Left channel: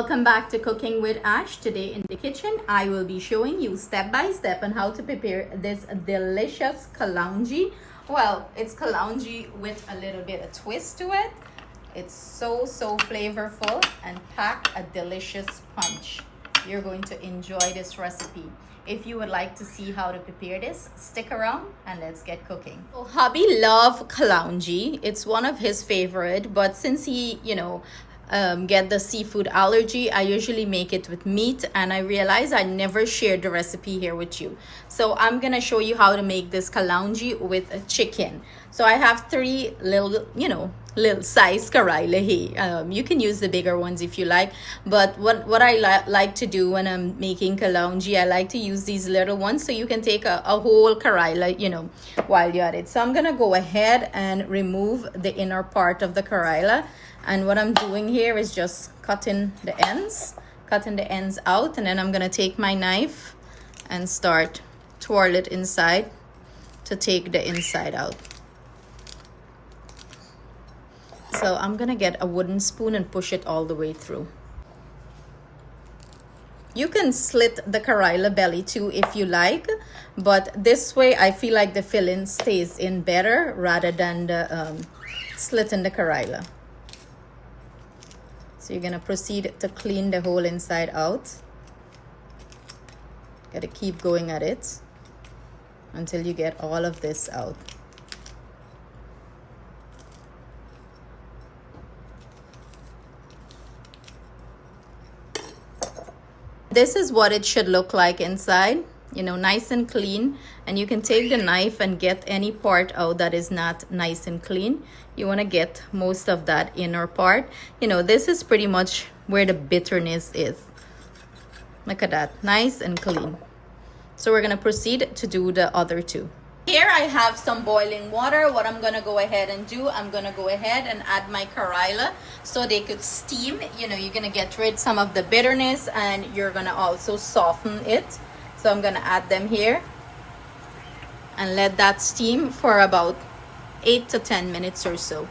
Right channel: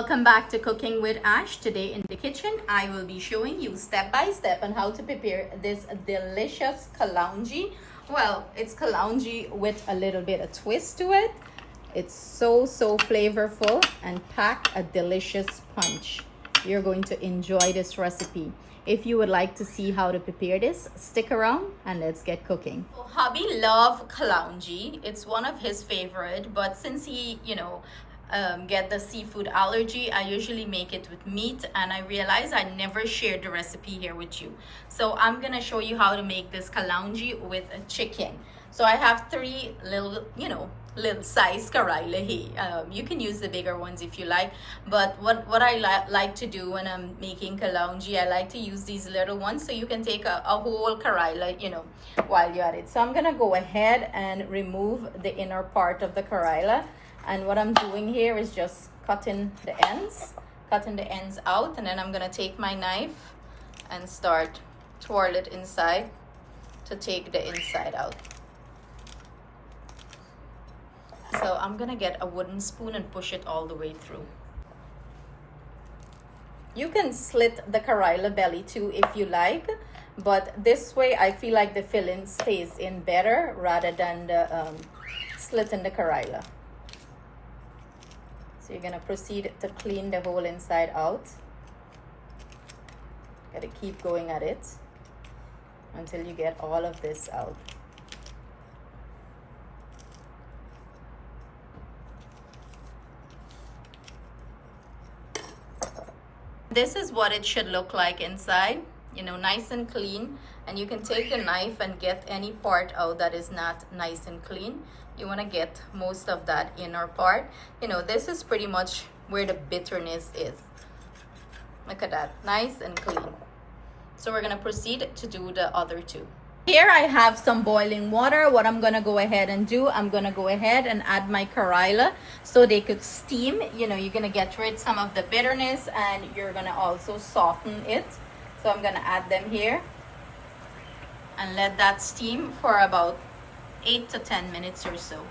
Welcome back to Cooking with Ash. Today in the kitchen, I will be showing you step by step on how to prepare this delicious kalonji. Well, it's kalonji with a little bit of twist to it. It's so flavorful and pack a delicious punch. You're going to enjoy this recipe. If you would like to see how to prepare this, stick around and let's get cooking. So, hubby love kalonji. It's one of his favorite, but since he, get the seafood allergy, I usually make it with meat, and I realize I never shared the recipe here with you. So I'm gonna show you how to make this kalonji with a chicken. So I have three little size karilla here. You can use the bigger ones if you like, but what I like to do when I'm making kalonji, I like to use these little ones, so you can take a whole karilla while you're at it. So I'm gonna go ahead and remove the inner part of the karilla, and what I'm doing here is just cutting the ends out, and then I'm gonna take my knife and start twirl it inside to take the inside out. So I'm gonna get a wooden spoon and push it all the way through. You can slit the karilla belly too if you like, but this way I feel like the filling stays in better rather than the slitting the karilla. So you're gonna proceed to clean the whole inside out. Gotta keep going at it until you get all of this out. This is what it should look like inside, nice and clean. And you can take the knife and get any part out that is not nice and clean. You want to get most of that inner part. This is pretty much where the bitterness is. Look at that, nice and clean. So we're going to proceed to do the other two. Here I have some boiling water. What I'm going to go ahead and do, I'm going to go ahead and add my karilla so they could steam. You're going to get rid of some of the bitterness, and you're going to also soften it. So I'm going to add them here and let that steam for about 8 to 10 minutes or so.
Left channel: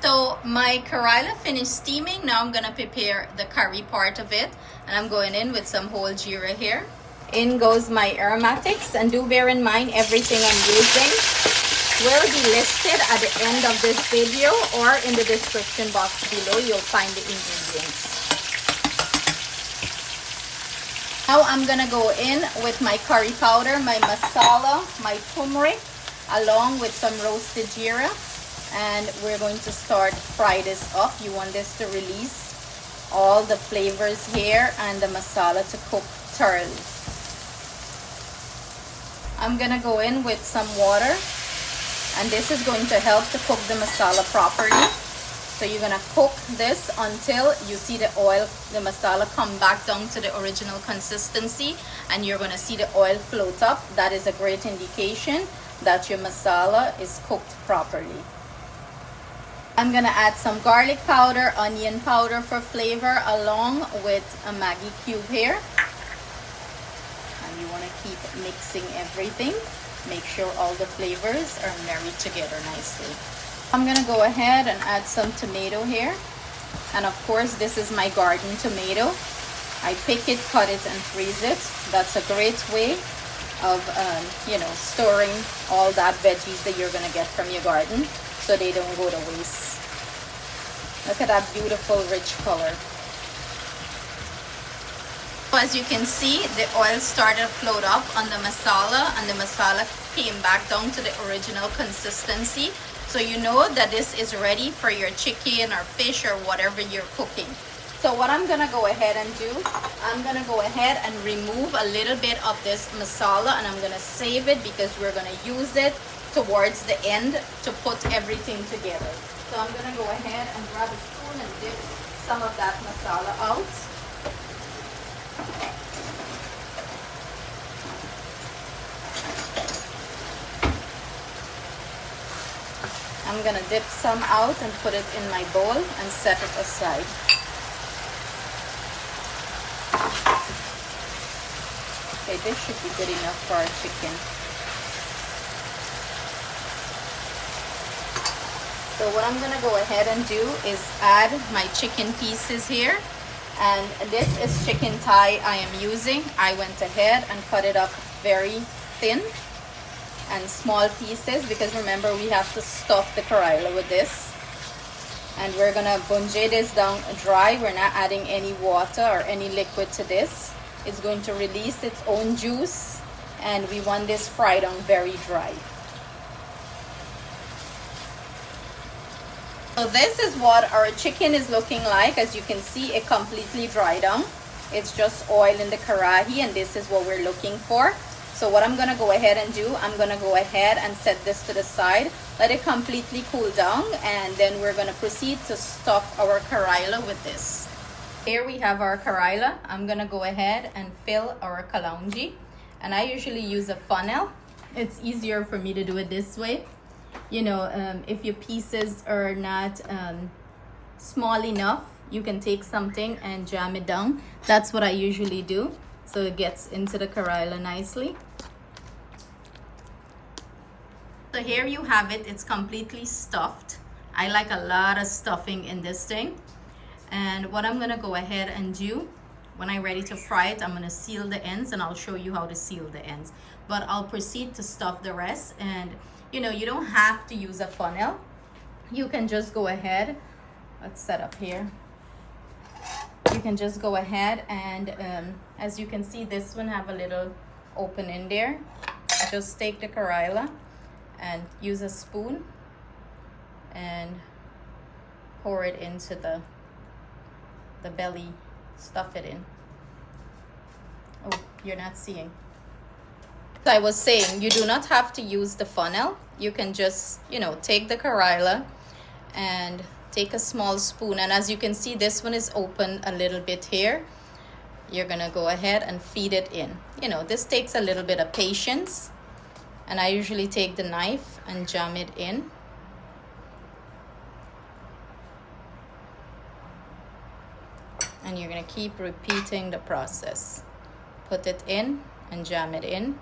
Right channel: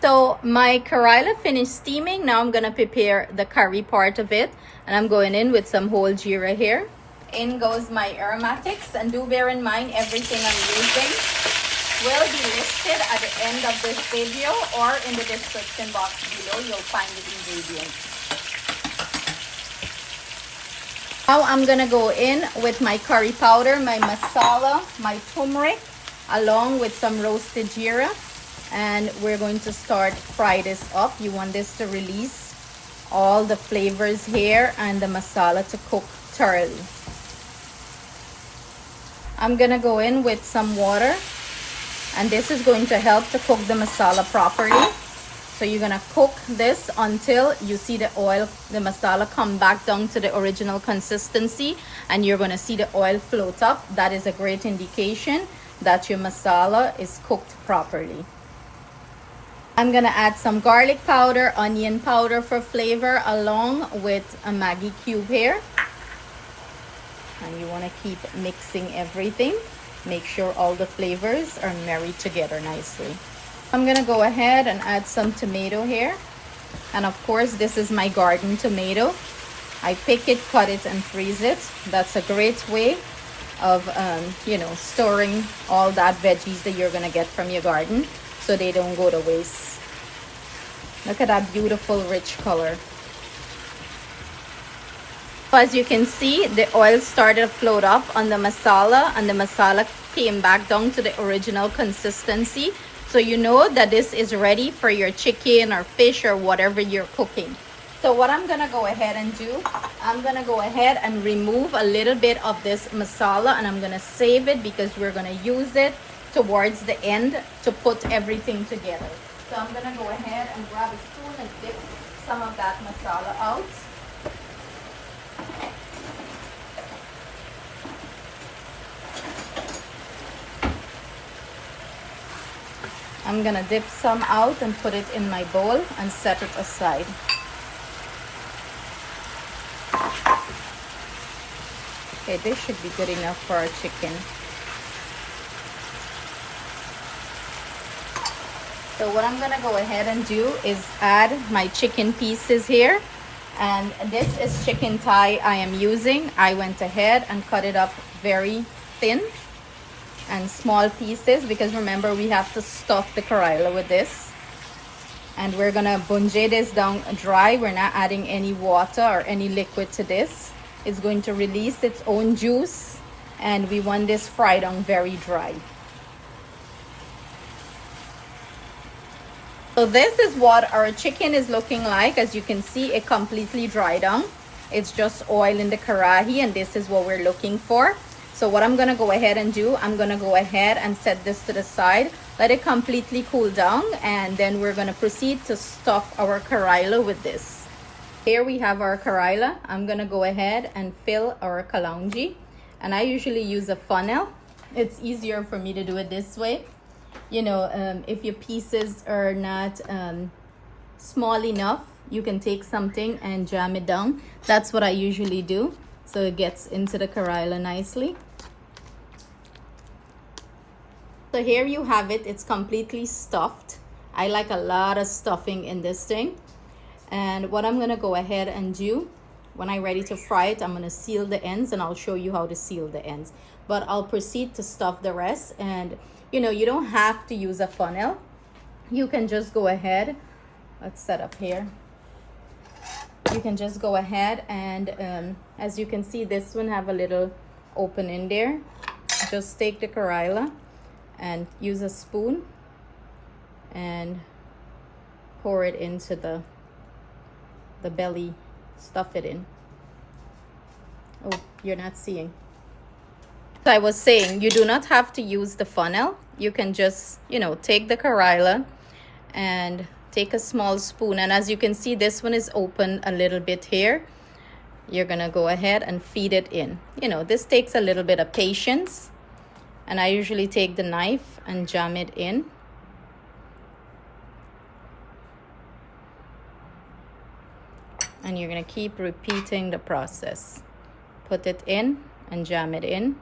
So my karilla finished steaming. Now I'm going to prepare the curry part of it, and I'm going in with some whole jeera here. In goes my aromatics, and do bear in mind everything I'm using will be listed at the end of this video or in the description box below. You'll find the ingredients. Now I'm gonna go in with my curry powder, my masala, my turmeric, along with some roasted jeera, and we're going to start fry this up. You want this to release all the flavors here and the masala to cook thoroughly. I'm gonna go in with some water, and this is going to help to cook the masala properly. So you're gonna cook this until you see the oil, the masala come back down to the original consistency, and you're gonna see the oil float up. That is a great indication that your masala is cooked properly. I'm gonna add some garlic powder, onion powder for flavor, along with a Maggi cube here. And you want to keep mixing everything. Make sure all the flavors are married together nicely. I'm going to go ahead and add some tomato here. And of course, this is my garden tomato. I pick it, cut it, and freeze it. That's a great way of, storing all that veggies that you're going to get from your garden so they don't go to waste. Look at that beautiful, rich color. As you can see, the oil started to float up on the masala, and the masala came back down to the original consistency. So you know that this is ready for your chicken or fish or whatever you're cooking. So what I'm gonna go ahead and do, I'm gonna go ahead and remove a little bit of this masala, and I'm gonna save it because we're gonna use it towards the end to put everything together. So I'm gonna go ahead and grab a spoon and dip some of that masala out. I'm gonna dip some out and put it in my bowl and set it aside. Okay, this should be good enough for our chicken. So what I'm gonna go ahead and do is add my chicken pieces here, And this is chicken thigh I am using. I went ahead and cut it up very thin and small pieces, because remember we have to stuff the karilla with this. And we're gonna bungee this down dry. We're not adding any water or any liquid to this. It's going to release its own juice, and we want this fried on very dry. So this is what our chicken is looking like. As you can see, it completely dried down. It's just oil in the karahi, and this is what we're looking for. So what I'm gonna go ahead and do, I'm gonna go ahead and set this to the side, let it completely cool down, and then we're gonna proceed to stuff our karilla with this. Here we have our karilla. I'm gonna go ahead and fill our kalonji, and I usually use a funnel. It's easier for me to do it this way. You know, if your pieces are not small enough, you can take something and jam it down. That's what I usually do, so it gets into the karilla nicely. So here you have it. It's completely stuffed. I like a lot of stuffing in this thing. And what I'm gonna go ahead and do, when I'm ready to fry it, I'm gonna seal the ends, and I'll show you how to seal the ends. But I'll proceed to stuff the rest. And you know, you don't have to use a funnel. You can just go ahead. Let's set up here. You can just go ahead and as you can see, this one have a little opening there. Just take the karilla and use a spoon and pour it into the belly. Stuff it in. Oh, you're not seeing. So I was saying, you do not have to use the funnel. You can just, you know, take the karilla and take a small spoon, and as you can see, this one is open a little bit here. You're gonna go ahead and feed it in. You know, this takes a little bit of patience, and I usually take the knife and jam it in. And you're gonna keep repeating the process. Put it in and jam it in.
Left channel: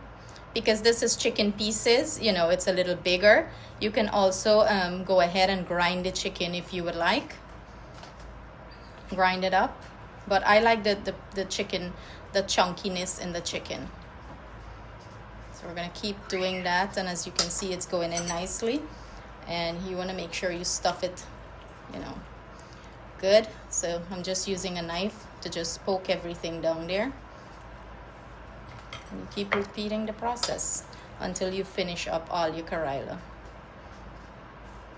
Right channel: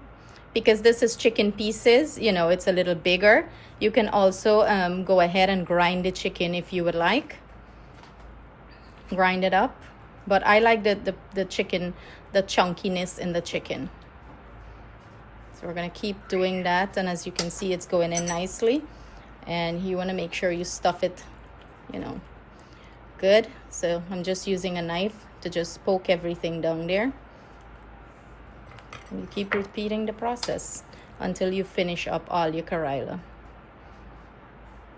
Because this is chicken pieces, you know, it's a little bigger. You can also go ahead and grind the chicken if you would like. Grind it up. But I like the chicken, the chunkiness in the chicken. So we're gonna keep doing that, and as you can see, it's going in nicely. And you wanna make sure you stuff it, you know, good. So I'm just using a knife to just poke everything down there. And you keep repeating the process until you finish up all your karilla.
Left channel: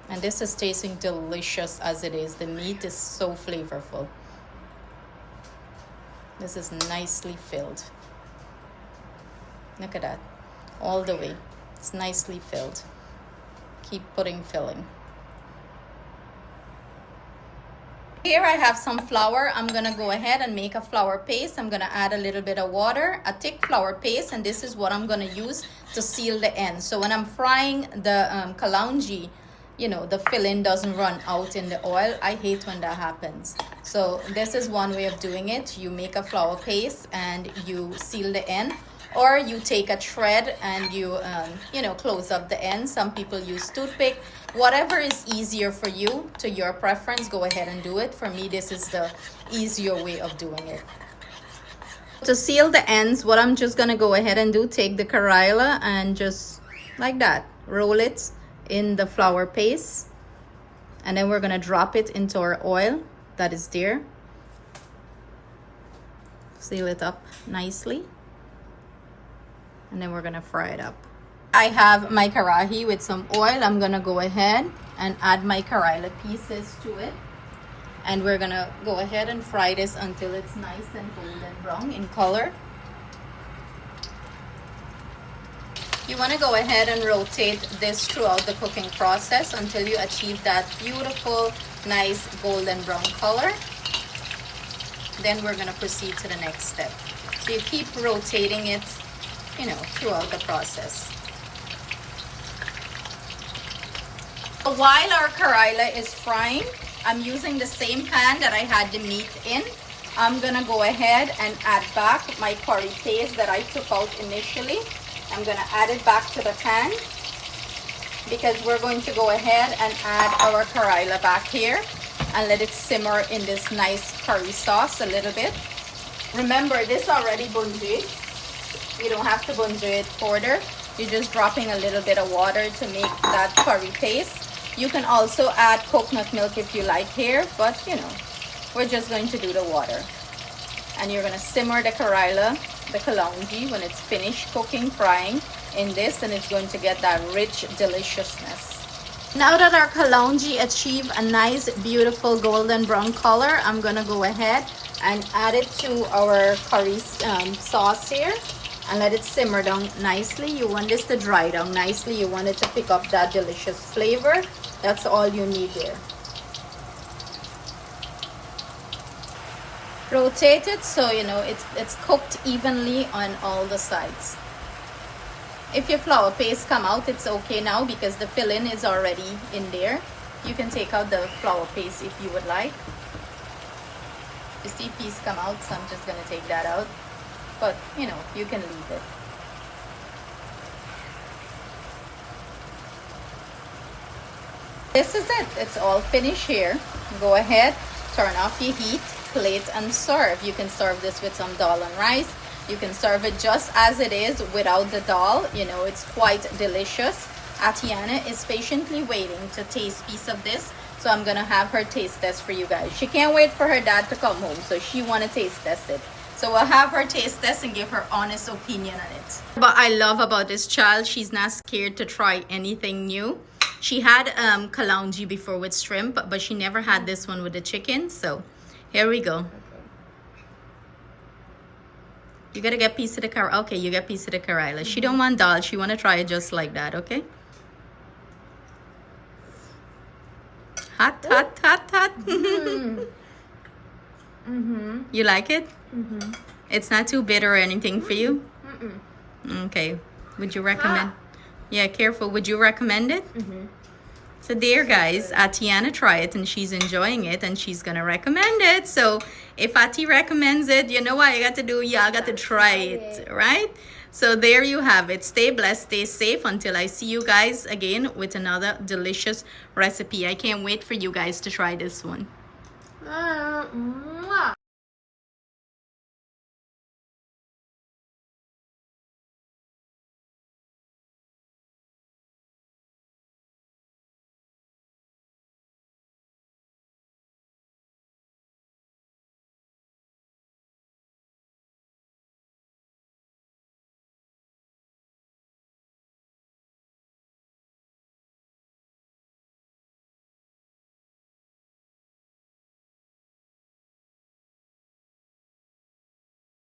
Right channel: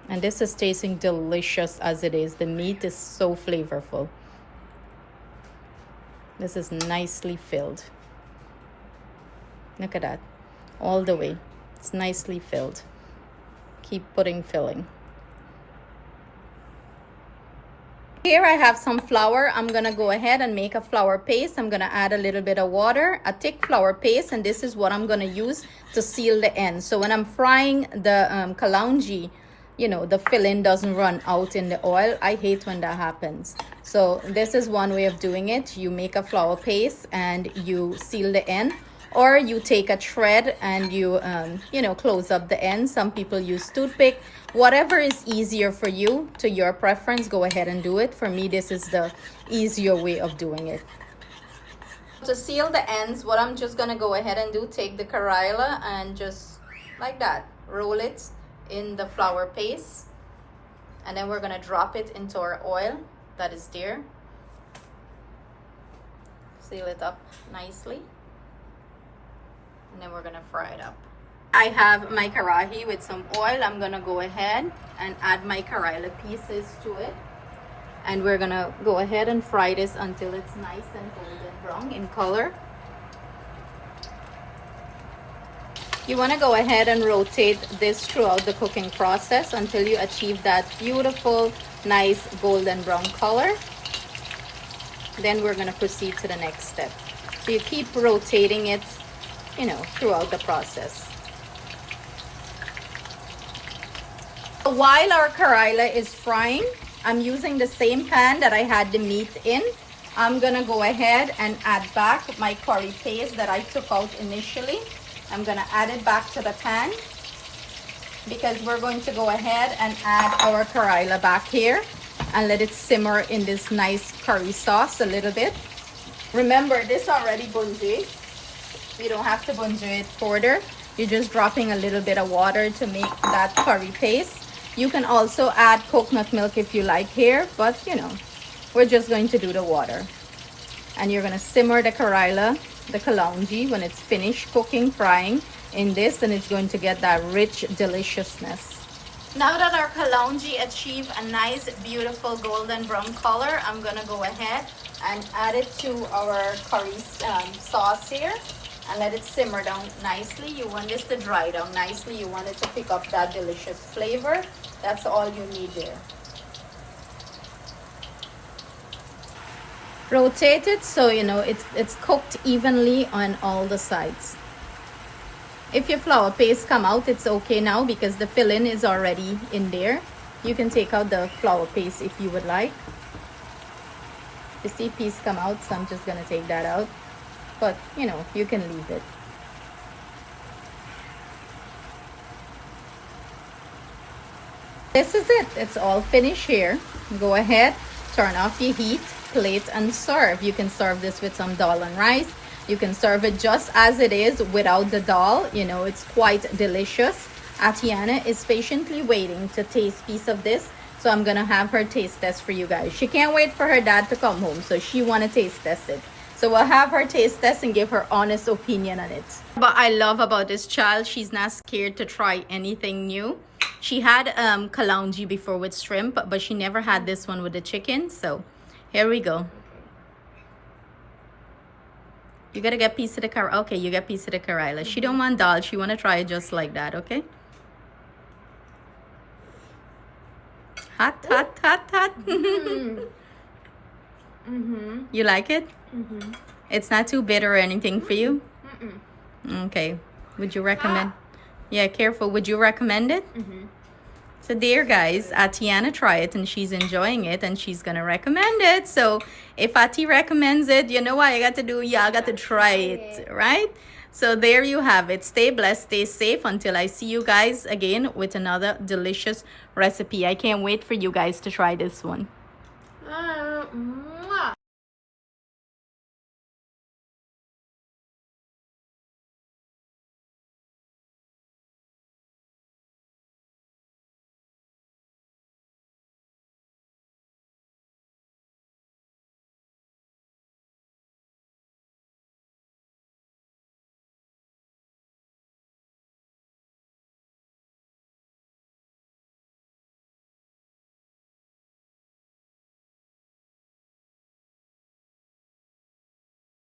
And this is tasting delicious as it is. The meat is so flavorful. This is nicely filled. Look at that. All the way. It's nicely filled. Keep putting filling. Here I have some flour. I'm gonna go ahead and make a flour paste. I'm gonna add a little bit of water, a thick flour paste, and this is what I'm gonna use to seal the end. So when I'm frying the kalonji, you know, the filling doesn't run out in the oil. I hate when that happens. So this is one way of doing it. You make a flour paste and you seal the end, or you take a thread and you, you know, close up the end. Some people use toothpick. Whatever is easier for you, to your preference, go ahead and do it. For me, this is the easier way of doing it. To seal the ends, what I'm just gonna go ahead and do, take the karilla and just like that, roll it in the flour paste. And then we're gonna drop it into our oil that is there. Seal it up nicely. And then we're gonna fry it up. I have my karahi with some oil. I'm gonna go ahead and add my karilla pieces to it, and we're gonna go ahead and fry this until it's nice and golden brown in color. You want to go ahead and rotate this throughout the cooking process until you achieve that beautiful, nice golden brown color. Then we're gonna proceed to the next step. So you keep rotating it, you know, throughout the process. While our karilla is frying, I'm using the same pan that I had the meat in. I'm gonna go ahead and add back my curry paste that I took out initially. I'm gonna add it back to the pan because we're going to go ahead and add our karilla back here. and let it simmer in this nice curry sauce a little bit. Remember, this already bungee. You don't have to bungee it further. You're just dropping a little bit of water to make that curry paste. You can also add coconut milk if you like here, but you know, we're just going to do the water. And you're going to simmer the karilla, the kalonji, when it's finished cooking, frying in this, and it's going to get that rich deliciousness. Now that our kalonji achieve a nice beautiful golden brown color, I'm going to go ahead and add it to our curry sauce here and let it simmer down nicely. You want this to dry down nicely. You want it to pick up that delicious flavor. That's all you need there. Rotate it so you know it's cooked evenly on all the sides. If your flour paste come out, it's okay now because the filling is already in there. You can take out the flour paste if you would like. You see piece come out, so I'm just going to take that out. But you know, you can leave it. This is it. It's all finished here. Go ahead, turn off your heat, plate, and serve. You can serve this with some dal and rice. You can serve it just as it is without the dal. You know, it's quite delicious. Atiana is patiently waiting to taste piece of this, so I'm gonna have her taste test for you guys. She can't wait for her dad to come home, so she wanna taste test it. So we'll have her taste test and give her honest opinion on it. But I love about this child, she's not scared to try anything new. She had kalonji before with shrimp, but she never had this one with the chicken. So here we go. You gotta get piece of the karilla. Okay, you get piece of the karilla. She don't want dal. She want to try it just like that, okay? Hot, hot, hot, hot. You like it? It's not too bitter or anything for you? Okay. Would you recommend? Yeah, careful. Would you recommend it? So there, guys, Atiana tried it and she's enjoying it and she's gonna recommend it. So if Ati recommends it, you know what I got to do? Y'all got to try it, right? So there you have it. Stay blessed, stay safe until I see you guys again with another delicious recipe. I can't wait for you guys to try this one.